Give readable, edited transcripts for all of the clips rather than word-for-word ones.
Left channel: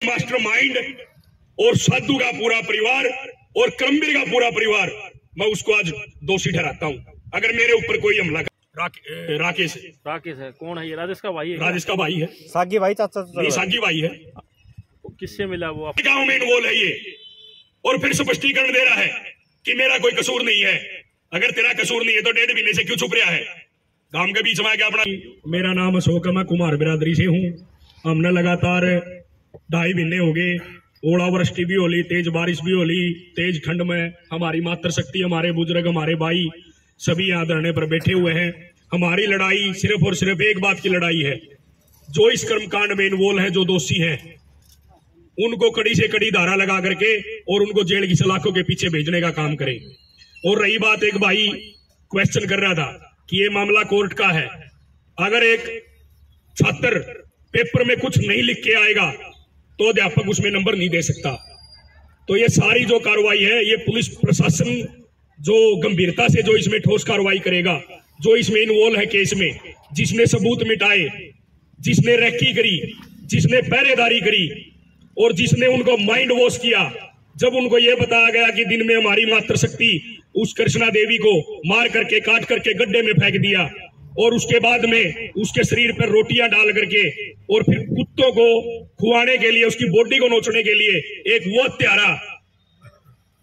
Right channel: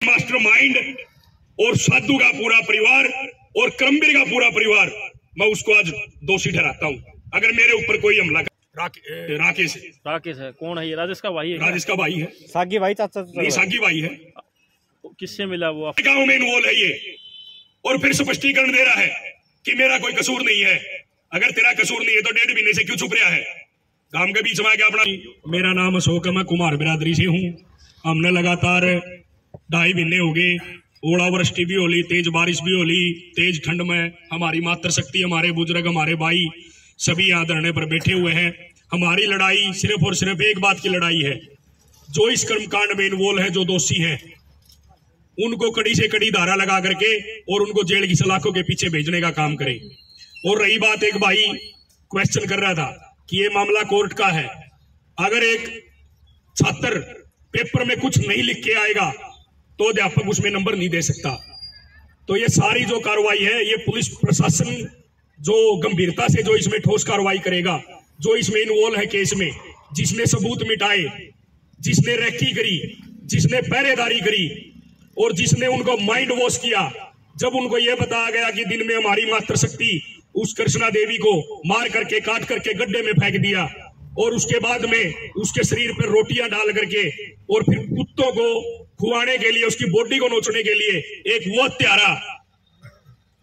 Mastermind और साधु का पूरा परिवार और क्रमवीर का पूरा परिवार, मैं उसको आज दोषी ठहराता हूं। अगर मेरे ऊपर कोई हमला राकेश है, कौन है ये? राजेश का भाई है? राजेश का भाई है, सागी भाई, चाचा नहीं सागी भाई है। किससे मिला वो? गांव में इन्वॉल्व है ये, और फिर स्पष्टीकरण दे रहा है कि मेरा कोई कसूर नहीं है। अगर तेरा कसूर नहीं है तो 1.5 महीने से क्यों छुप रहा है? गांव के बीच में आके अपना। मेरा नाम अशोक है, मैं कुमार बिरादरी से हूँ। हमने लगातार 2.5 महीने हो गए, ओलावृष्टि भी होली, तेज बारिश भी होली, तेज ठंड में हमारी मातृशक्ति, हमारे बुजुर्ग, हमारे भाई सभी यहाँ धरने पर बैठे हुए हैं। हमारी लड़ाई सिर्फ और सिर्फ एक बात की लड़ाई है, जो इस कर्मकांड में इन्वॉल्व है, जो दोषी हैं, उनको कड़ी से कड़ी धारा लगा करके और उनको जेल की सलाखों के पीछे भेजने का काम करें। और रही बात, एक भाई क्वेश्चन कर रहा था कि ये मामला कोर्ट का है। अगर एक छात्र पेपर में कुछ नहीं लिख के आएगा तो अध्यापक उसमें नंबर नहीं दे सकता। तो ये सारी जो कार्रवाई है, ये पुलिस प्रशासन जो गंभीरता से जो इसमें ठोस कार्रवाई करेगा, जो इसमें इन्वॉल्व है केस में, जिसने सबूत मिटाए, जिसने रेकी करी, जिसने पहरेदारी करी और जिसने उनको माइंड वॉश किया। जब उनको यह बताया गया कि दिन में हमारी मातृशक्ति उस कृष्णा देवी को मार करके, काट करके गड्ढे में फेंक दिया, और उसके बाद में उसके शरीर पर रोटियां डाल करके और फिर कुत्तों को खुआने के लिए, उसकी बॉडी को नोचने के लिए एक वो हत्यारा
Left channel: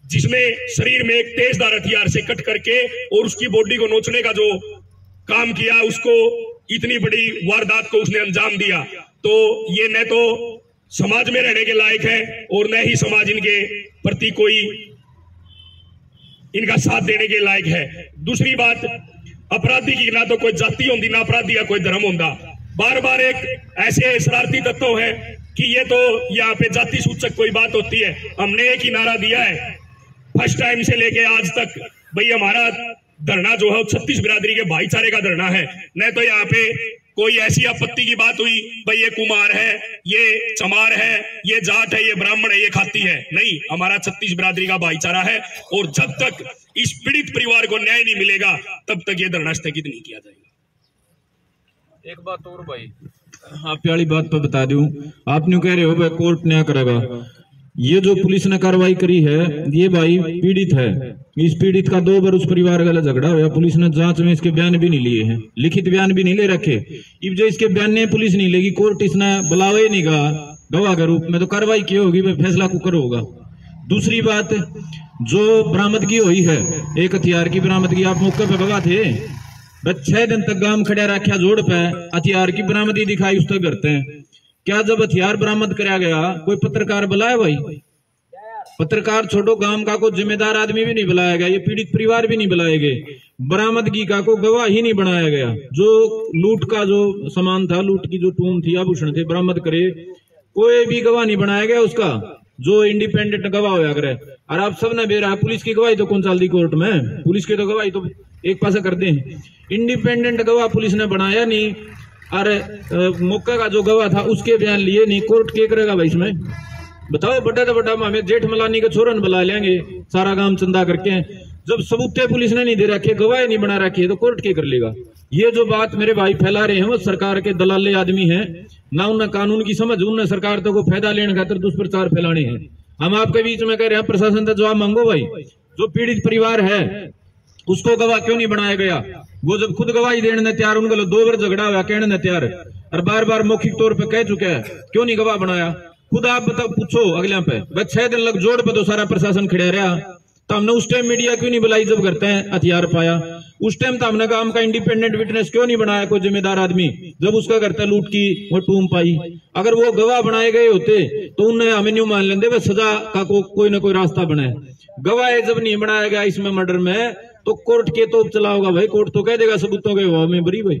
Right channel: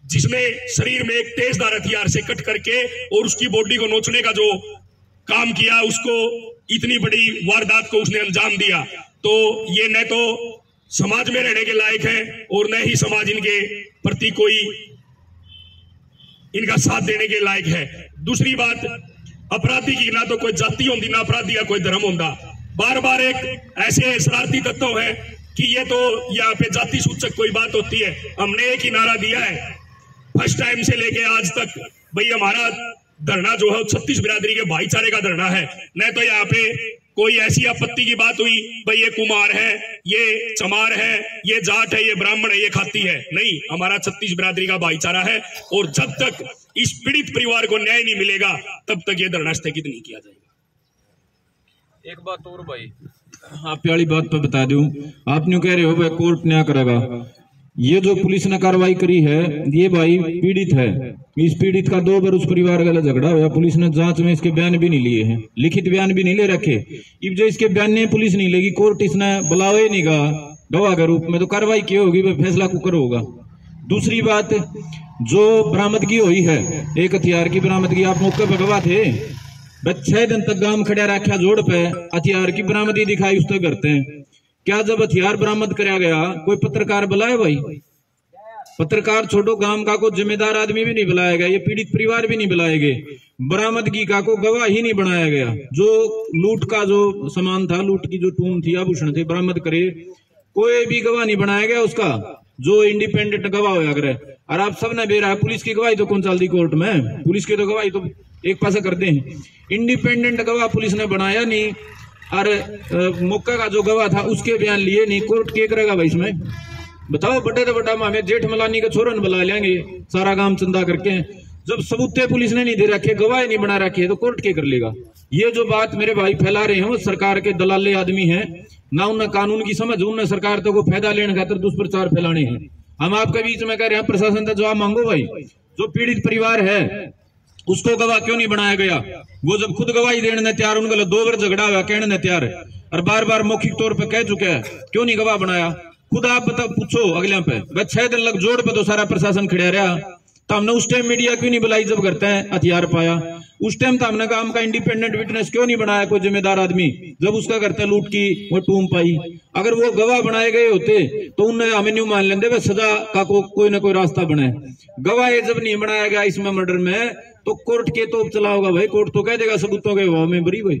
जिसने शरीर में एक तेजदार हथियार से कट करके और उसकी बॉडी को नोचने का जो काम किया, उसको इतनी बड़ी वारदात को उसने अंजाम दिया। तो ये न तो समाज में रहने के लायक है और न ही समाज इनके प्रति कोई इनका साथ देने के लायक है। दूसरी बात, अपराधी की ना तो कोई जाति होती, ना अपराधी का कोई धर्म होता। बार बार एक ऐसे शरारती तत्व है कि ये तो यहाँ पे जाति सूचक कोई बात होती है। हमने एक ही नारा दिया है फर्स्ट टाइम से लेके आज तक, भाई हमारा धरना जो है 36 बिरादरी के भाईचारे का धरना है। न तो यहाँ पे कोई ऐसी आपत्ति की बात हुई भाई ये कुमार है, ये चमार है, ये जाट है, ये ब्राह्मण है, ये खाती है। नहीं, हमारा 36 बिरादरी का भाईचारा है और जब तक इस पीड़ित परिवार को न्याय नहीं मिलेगा तब तक ये धरना स्थगित नहीं किया जाएगा। एक बात और भाई, आप प्यारी बात तो बता दूं, आप न्यू कह रहे हो भाई कोर्ट न्याय करेगा। ये जो पुलिस ने कार्रवाई करी है, ये भाई पीड़ित है। इस पीड़ित का 2 बार उस परिवार का झगड़ा हुआ, पुलिस ने जांच में इसके बयान भी नहीं लिए हैं, लिखित बयान भी नहीं ले रखे। अब जो इसके बयान ने पुलिस नहीं लेगी, कोर्ट इसने बुलावा ही नहीं गा गवाह के रूप में, तो कार्रवाई की होगी, फैसला कुकर होगा। दूसरी बात, जो बरामदगी हुई है, एक हथियार की बरामदगी, आप मौके पर गवाह थे। 6 दिन तक गांव खड़ा रखा जोड़ पे, हथियार की बरामदगी दिखाई, उस तक करते हैं। क्या जब हथियार बरामद कराया गया कोई पत्रकार बुलाया? भाई पत्रकार छोड़ो, गांव का कोई जिम्मेदार आदमी भी नहीं बुलाया गया, ये पीड़ित परिवार भी नहीं बुलाए गए, बरामदगी का कोई गवाह ही नहीं बनाया गया। जो लूट का जो सामान था, लूट की जो टूम थी, आभूषण थे, बरामद करे, कोई भी गवाह नहीं बनाया गया उसका, जो इंडिपेंडेंट गवाह होया करे। और आप सब ने बेरा, पुलिस की गवाही तो कौन चलती कोर्ट में? पुलिस की तो गवाही तो एक पासा करते हैं। इंडिपेंडेंट गवाह पुलिस ने बनाया नहीं, और मौका का जो गवाह था उसके बयान लिए नहीं। कोर्ट क्या करेगा भाई इसमें? बताओ, बड़ा तो बड़ा हमें जेठ मलानी के छोरन बुला लेंगे, सारा काम चंदा करके। जब सबूते पुलिस ने नहीं दे रखे, गवाह नहीं बना रखी है, तो कोर्ट क्या कर लेगा? ये जो बात मेरे भाई फैला रहे हैं, वो सरकार के दलाले आदमी हैं, ना उन्हें कानून की समझ, उन्हें सरकार तो को फायदा लेने खातिर दुष्प्रचार फैलाने हैं। हम आपके बीच में कह रहे हैं, प्रशासन से जवाब मांगो भाई। जो पीड़ित परिवार है उसको गवाह क्यों नहीं बनाया गया? वो जब खुद गवाही देने तैयार, उनके 2 बार झगड़ा हुआ, कहने तैयार है और बार बार मौखिक तौर पे कह चुके हैं, क्यों नहीं गवाह बनाया? खुद आप बताओ, पूछो अगले पे। 6 दिन लग जोड़ पे तो सारा प्रशासन खड़ा रहा, तो हमने उस टाइम मीडिया क्यों नहीं बुलाई जब करते हैं हथियार पाया? उस टाइम तो हमने काम का इंडिपेंडेंट विटनेस क्यों नहीं बनाया कोई जिम्मेदार आदमी, जब उसका करता लूट की वो टूम पाई? अगर वो गवाह बनाए गए होते तो उन्हें हमें न्यू मान लेते, वह सजा का कोई ना कोई रास्ता बनाए। गवाह जब नहीं बनाया गया इसमें मर्डर में, तो कोर्ट के तो चला होगा भाई, कोर्ट तो कह देगा सबूतों के अभाव में बरी भाई।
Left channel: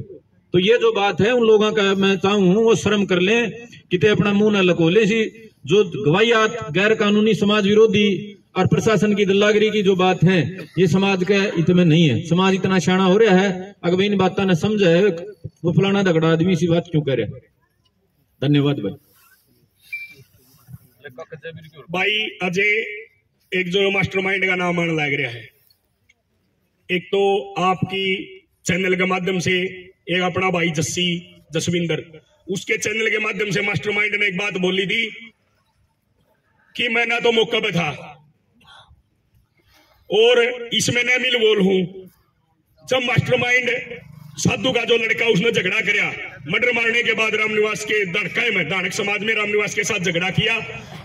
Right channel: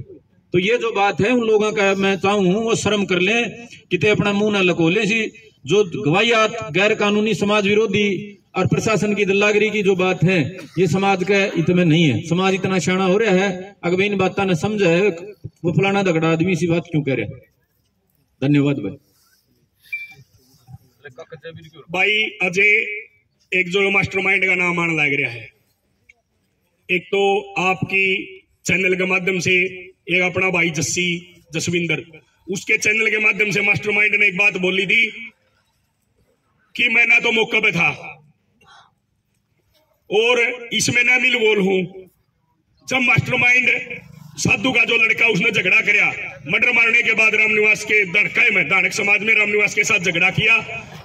तो ये जो बात है, उन लोगों का मैं चाहूं वो शर्म कर लें, कितने अपना मुंह न लको ले। जो गवाहियात गैर कानूनी, समाज विरोधी और प्रशासन की दल्लागिरी की जो बात है, ये समाज के हित में नहीं है। समाज इतना शाना हो रहा है, अगर इन बात ने समझा है, वो फलाना दगड़ा आदमी इसी बात क्यों कह रहे? धन्यवाद भाई। भाई अजय एक जो मास्टरमाइंड का नाम आने लग रहा है, एक तो आपकी चैनल के माध्यम से, एक अपना भाई जसविंदर, उसके चैनल के माध्यम से मास्टरमाइंड ने एक बात बोली थी कि मैं ना तो मौके पे था और इसमें न मिल बोल हूं। जब मास्टरमाइंड साधु का जो लड़का उसने झगड़ा किया, मर्डर मारने के बाद रामनिवास के दड़काए में दानक समाज में रामनिवास के साथ झगड़ा किया,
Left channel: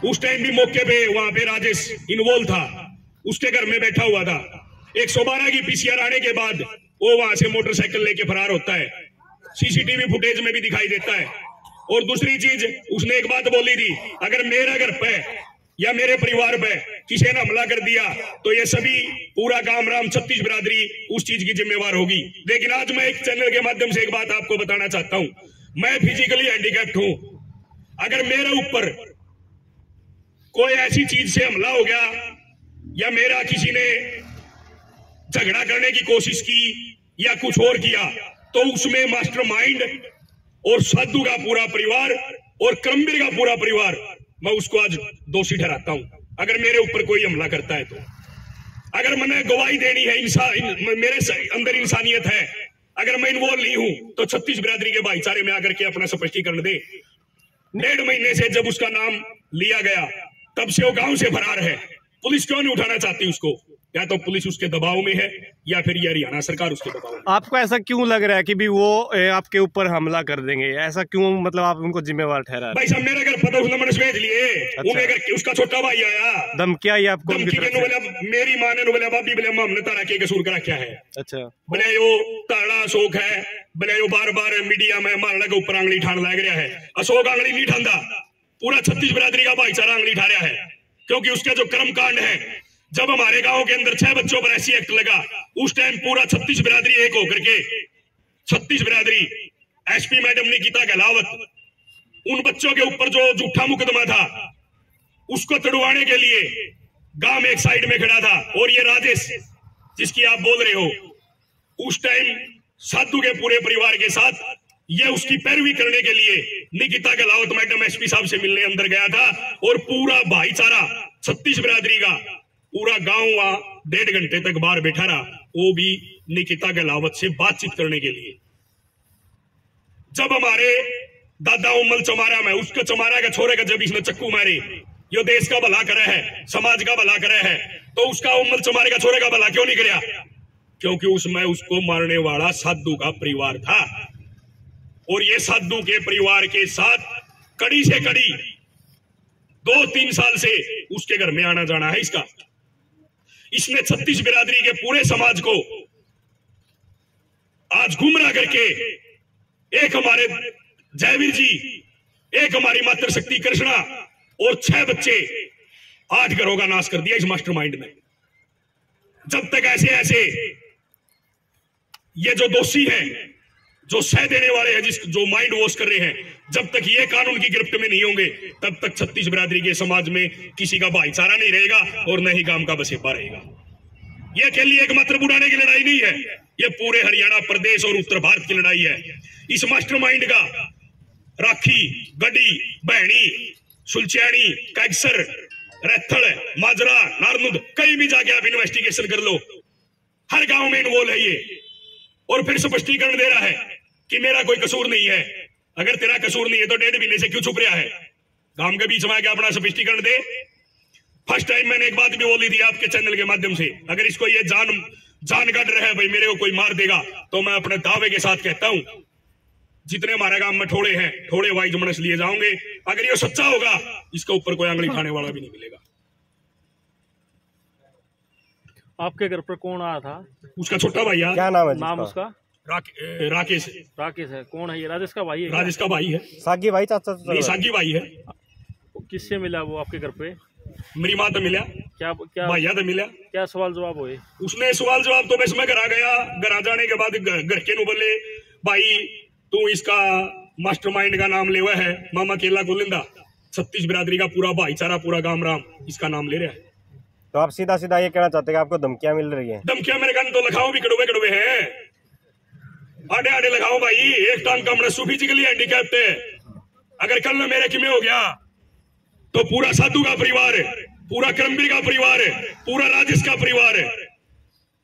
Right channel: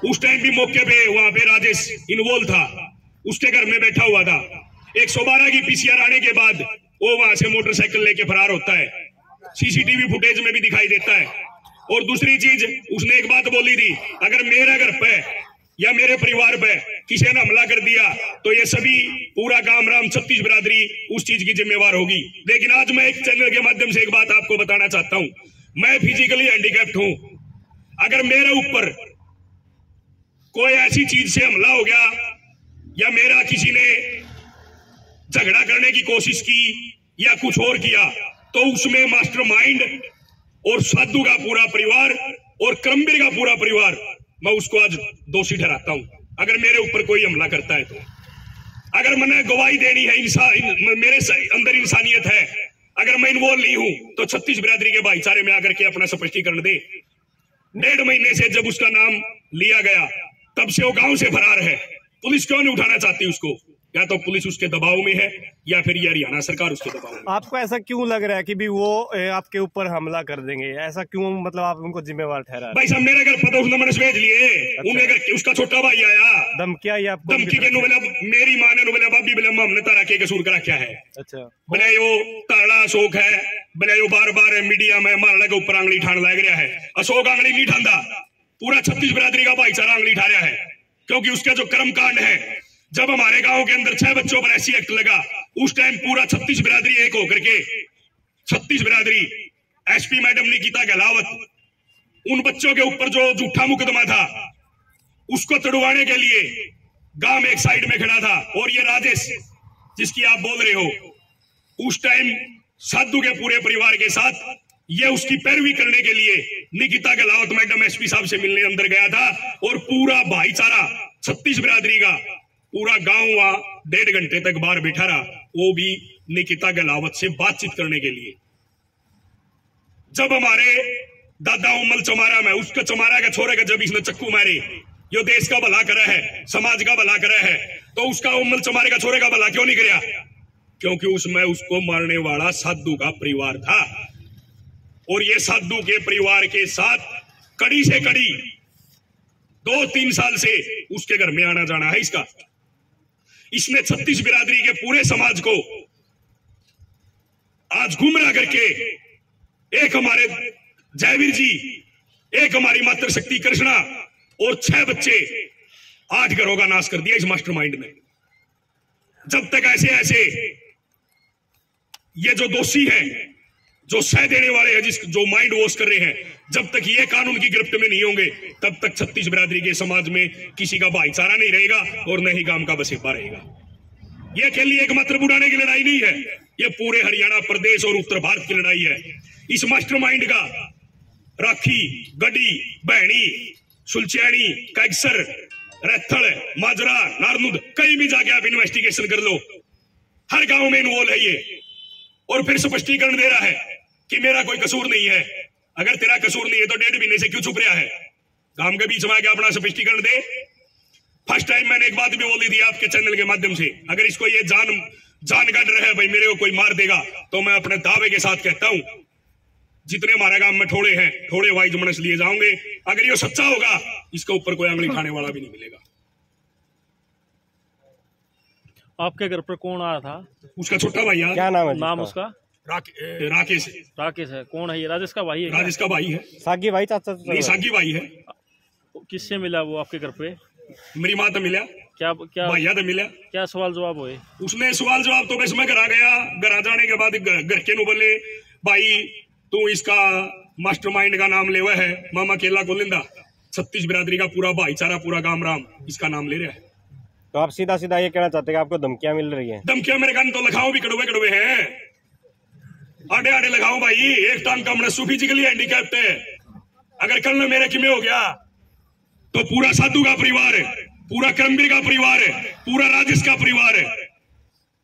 उस टाइम भी मौके पे वहां पे राजेश इन्वॉल्व था, उसके घर में बैठा हुआ था। 112 की पीसीआर आने के बाद वो वहां से मोटरसाइकिल लेके फरार होता है, सीसीटीवी फुटेज में भी दिखाई देता है। और दूसरी चीज उसने एक बात बोली थी, अगर मेरे घर पे या मेरे परिवार पे किसी ने हमला कर दिया तो ये सभी पूरा गांव राम छत्तीस बिरादरी उस चीज की जिम्मेवार होगी। लेकिन आज मैं एक चैनल के माध्यम से एक बात आपको बताना चाहता हूं, मैं फिजिकली हैंडीकैप्ड हूं। अगर मेरे ऊपर कोई ऐसी चीज से हमला हो गया या मेरा किसी ने झगड़ा करने की कोशिश की या कुछ और किया तो उसमें मास्टरमाइंड और साधु का पूरा परिवार और क्रमवीर का पूरा परिवार, मैं उसको आज दोषी ठहराता हूं। अगर मेरे ऊपर कोई हमला करता है तो अगर मैंने गवाही देनी है, मेरे अंदर इंसानियत है, अगर मैं इन्वॉल्व नहीं हूं तो छत्तीस बिरादरी के भाईचारे में आकर के अपना स्पष्टीकरण दे। 1.5 महीने से जब उसका नाम लिया गया तब से वो गांव से फरार है। पुलिस क्यों नहीं उठाना चाहती उसको? या तो पुलिस उसके दबाव में है या फिर ये हरियाणा सरकार उसके दबाव में। आपको ऐसा क्यों लग रहा है कि भी वो आपके ऊपर हमला कर देंगे? ऐसा क्यों, मतलब आप उनको जिम्मेवार ठहरा? भाई साहब मेरे घर पता उसने मैंने भेज लिए। अच्छा। उन्हें घर उसका छोटा भाई आया, धमकी आई आपको? धमकी के बोले मेरी माँ ने बोले बाबी बोले हमने तारा के कसूर करा क्या है। अच्छा। बोले यो ताड़ा अशोक है, बोले यो बार बार मीडिया में मारने के ऊपर आंगली ठान लग रहा है। अशोक आंगली नहीं ठानदा, पूरा छत्तीस बिरादरी का भाईचारा आंगली ठा रहा है, क्योंकि उसका जो कर्म कांड है, जब हमारे गांव के अंदर 6 बच्चों पर ऐसी एक्ट लगा, उस टाइम पूरा छत्तीस बिरादरी एक होकर के, छत्तीस बिरादरी एसपी मैडम निकिता गहलावत, उन बच्चों के ऊपर जो झूठा मुकदमा था उसको तड़वाने के लिए गांव में एक साइड में खड़ा था। और ये राजेश जिसकी आप बोल रहे हो, उस टाइम साधु के पूरे परिवार के साथ ये उसकी पैरवी करने के लिए निकिता गहलावत मैडम एसपी साहब से मिलने अंदर गया था। और पूरा भाईचारा छत्तीस बिरादरी का पूरा गांव वहां 1.5 घंटे तक बाहर बैठा रहा, वो भी निकिता गहलावत से बातचीत करने के लिए। जब हमारे दादा उमल चमारा में उसका चमारा का छोरे का जब इसने चक्कू मारे, जो देश का भला करे है, समाज का भला करे है, तो उसका उमल चमारे का छोरे का भला क्यों नहीं कराया? क्योंकि उसमें उसको मारने वाला साधु का परिवार था। और ये साधु के परिवार के साथ कड़ी से कड़ी 2-3 साल से उसके घर में आना जाना है इसका। इसने छत्तीस बिरादरी के पूरे समाज को आज गुमराह करके, एक हमारे जयवीर जी, एक हमारी मातृशक्ति कृष्णा और 6 बच्चे, 8 घरों का नाश कर दिया इस मास्टरमाइंड ने। जब तक ऐसे ये जो दोषी हैं, जो सह देने वाले हैं, जो माइंड वॉश कर रहे हैं, जब तक ये कानून की गिरफ्त में नहीं होंगे तब तक छत्तीस बिरादरी के समाज में किसी का भाईचारा नहीं रहेगा और न ही गांव का बसेपा रहेगा। ये अकेली एकमात्र बुढ़ाने की लड़ाई नहीं है, ये पूरे हरियाणा प्रदेश और उत्तर भारत की लड़ाई है। इस मास्टरमाइंड का राखी, गड्डी, बहनी, सुलचैनी, कैक्सर, रैथड़, माजरा, नारनुद, कहीं भी जाके आप इन्वेस्टिगेशन कर लो, हर गांव में इन्वॉल्व है ये। और फिर स्पष्टीकरण दे रहा है कि मेरा कोई कसूर नहीं है। अगर तेरा कसूर नहीं है तो 1.5 महीने से क्यों छुप रहा है? गांव के बीच में आके अपना स्पष्टीकरण दे। फर्स्ट टाइम मैंने एक बात भी बोली थी आपके चैनल के माध्यम से, अगर इसको ये जान का डर है भाई मेरे को कोई मार देगा, तो मैं अपने दावे के साथ कहता हूं जितने हमारे गांव में ठोड़े हैं, ठोड़े वाइज मनस लिए जाओगे। अगर ये सच्चा होगा इसके ऊपर कोई आंगली उठाने वाला भी नहीं मिलेगा। आपके घर पर कौन आया था? उसका छोटा भाई है। क्या नाम है? नाम उसका? राकेश। राकेश है। कौन है ये? राजेश का भाई है? राजेश का भाई है। सागी भाई, चाचा? नहीं, सागी भाई है। किससे मिला वो आपके घर पे? मेरी माँ तो मिला, क्या भैया तो मिला। क्या सवाल जवाब हुए? उसने सवाल जवाब तो बस मैं घर आ गया, घर आ जाने के बाद घर के नु बोले भाई तू इसका मास्टरमाइंड का नाम ले हुआ है, मामा केला गोलिंदा, छत्तीस बिरादरी का पूरा भाईचारा, पूरा गांव राम इसका नाम ले रहा है। तो आप सीधा सीधा ये कहना चाहते हैं कि आपको धमकियां मिल रही हैं? धमकियां मेरे कान तो लखाओ भी कड़वे कड़वे हैं, आड़े आड़े लगाओ भाई। एक टांग का मैं फिजिकली हैंडीकैप्ड है, अगर कल में मेरे किमे हो गया तो पूरा साधु का परिवार है, पूरा क्रमवीर का परिवार है, पूरा राजेश का परिवार है,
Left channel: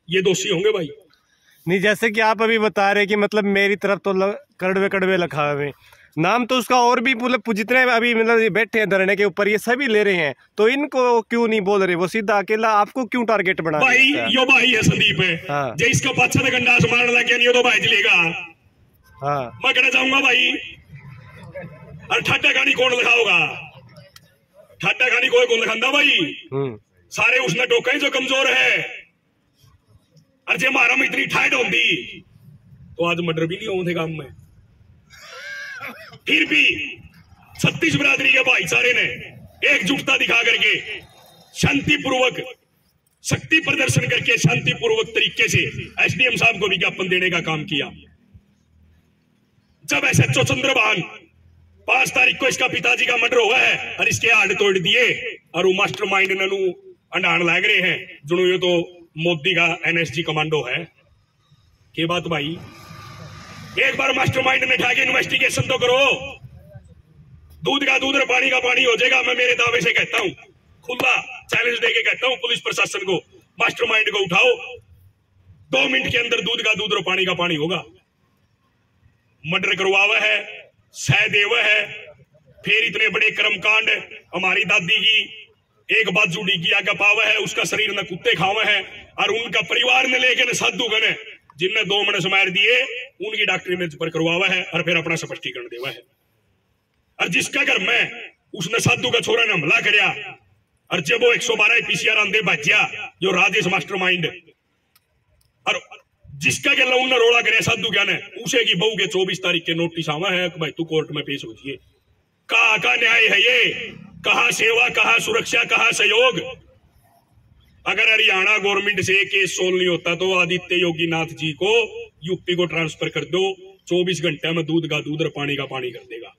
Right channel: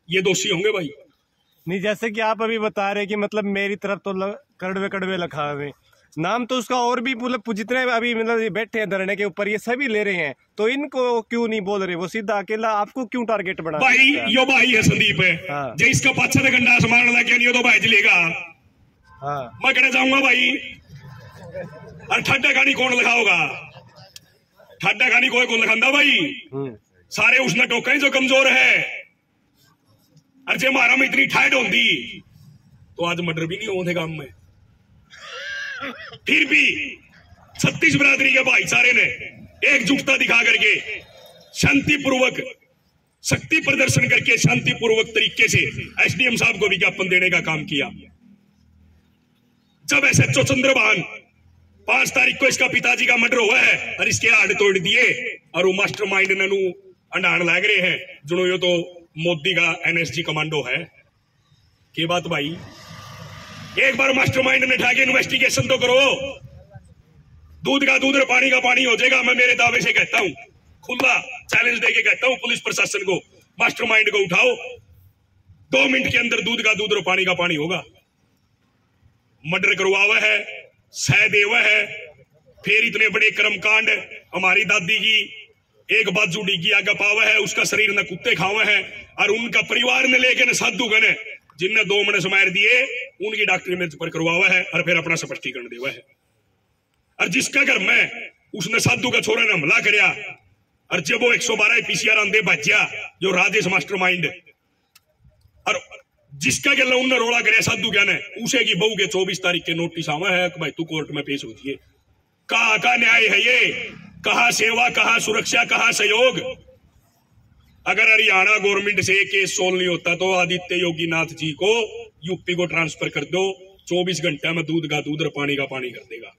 ये दोषी होंगे भाई। नहीं, जैसे कि आप अभी बता रहे कि मतलब मेरी तरफ तो कड़वे कड़वे लखा हुए, नाम तो उसका और भी मतलब जितने अभी मतलब ये बैठे हैं धरने के ऊपर ये सभी ले रहे हैं, तो इनको क्यों नहीं बोल रहे? वो सीधा अकेला आपको क्यों टारगेट बना भाई यो भाई है संदीप है हाँ। जो इसका पाछा से गंडा मारने लग गया नहीं तो भाई चलेगा। हाँ मैं कहना चाहूंगा भाई, और ठाडा कहानी कौन लिखाओगा? ठाडा कहानी कोई कौन लिखांदा भाई? सारे उसने टोके जो कमजोर है। और जे मारा में इतनी ठाड होती तो आज मर्डर भी नहीं होते काम में। फिर भी 36 बिरादरी के भाईचारे ने एकजुटता दिखा करके शांतिपूर्वक शक्ति प्रदर्शन करके शांतिपूर्वक तरीके से एसडीएम साहब को विज्ञापन देने का काम किया। जब एसएचओ चंद्रभान 5 तारीख को इसका पिताजी का मर्डर हुआ है और इसके हाथ तोड़ दिए और वो मास्टरमाइंड ननू अंडाण लग रहे हैं जुनो यो तो मोदी का एनएसजी कमांडो है। के बात भाई, एक बार मास्टरमाइंड ने ठाके इन्वेस्टिगेशन तो करो। दूध का दूध और पानी का पानी हो जाएगा। मैं मेरे दावे से कहता हूं, खुला चैलेंज देके कहता हूं पुलिस प्रशासन को, मास्टरमाइंड को उठाओ, 2 मिनट के अंदर दूध का दूध और पानी का पानी होगा। मर्डर करवावा है, सहदेव है, फिर इतने बड़े कर्मकांड। हमारी दादी की एक बाजू डिगी आगे पावा है, उसका शरीर न कुत्ते खावा है, और उनका परिवार ने लेकर साधु गने जिनने 2 महीने मार दिए उनकी डॉक्टरी में पर करवावा है और फिर अपना स्पष्टीकरण देवा है। और जिसका घर में उसने साधु का छोरा ने हमला करया और जब वो 112 पीसीआर आंदे बचा जो राजेश मास्टरमाइंड, और जिसका गला उन्ने रोड़ा करे साधु क्या ने उसे की बहू के 24 तारीख के नोटिस आवा है कि भाई तू कोर्ट में पेश होती है। कहाँ का न्याय है ये? कहाँ सेवा, कहाँ सुरक्षा, कहाँ सहयोग? अगर हरियाणा गवर्नमेंट से केस सोल्व नहीं होता तो आदित्य योगी नाथ जी को यूपी को ट्रांसफर कर दो, 24 घंटे में दूध का दूध और पानी का पानी कर देगा।